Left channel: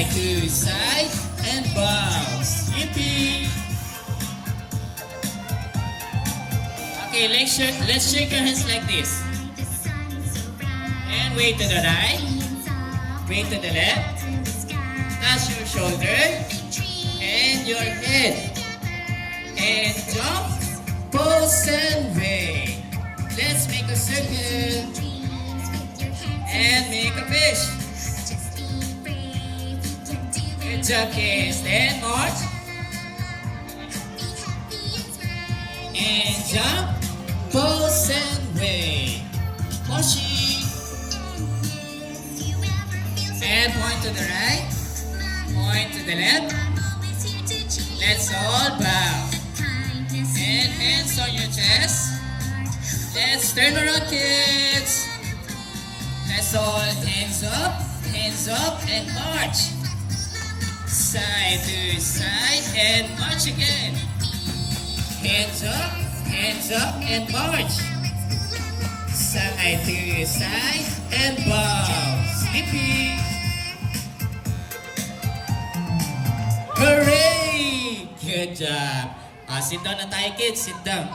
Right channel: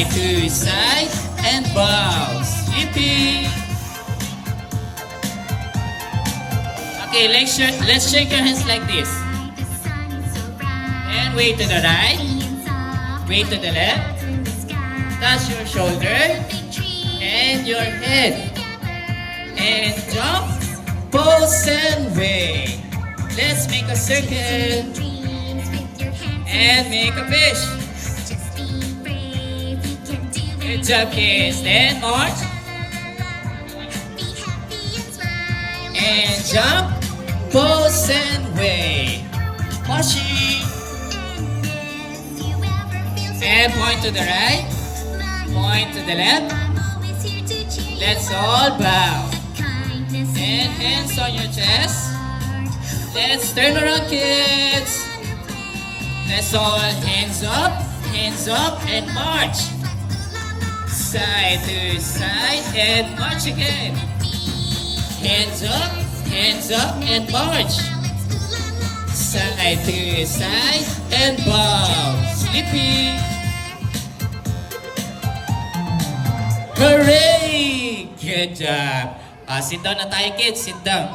Side to side and bounce. Yippee! Okay, let's shake your hands like this. And way to the right, way to the left. Touch your shoulder and your head. And jump, pose and way. Let's make a circle and make a fish. Good job, kids. Then march. And jump, pose and way. Washi. And point to the right. Point to the left. Let's all bow. And hands on your chest. Let's turn around, kids. Let's all hands up, and march. Side to side, and march again. Hands up, and march. Side to side, and bounce. Yippee! Hooray! Good job. Sit down na tayo, kids. Sit down.